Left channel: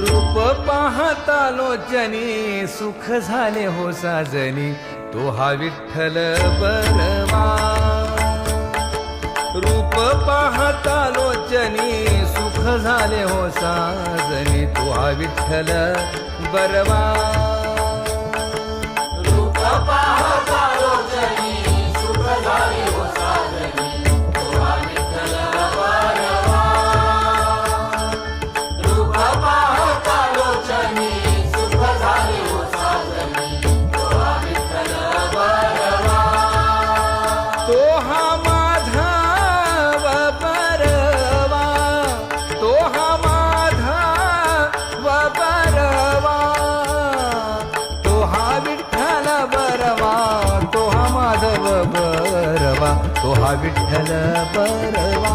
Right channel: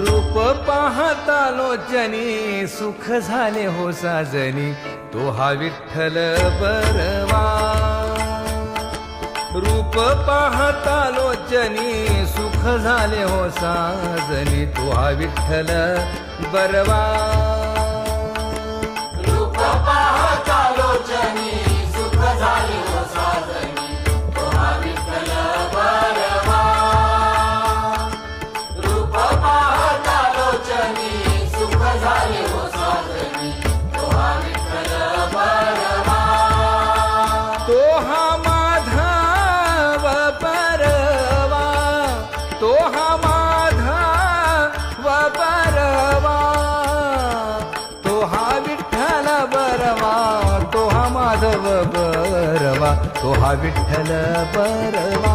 रूप पाहता लोचनी सुख झाले हो साजनी तो हा विठ्ठल बरवा रूप पाहता लोचनी सुख झाले हो साजनी तो हा विठ्ठल बरवा रूप पाहता लोचनी सुख झाले हो साजनी तो हा विठ्ठल बरवा रूप पाहता लोचनी सुख झाले हो साजनी तो हा विठ्ठल बरवा तो हा माधव बरवा तो हा माधव बरवा तो हा विठ्ठल बरवा तो हा माधव बरवा तो हा विठ्ठल बरवा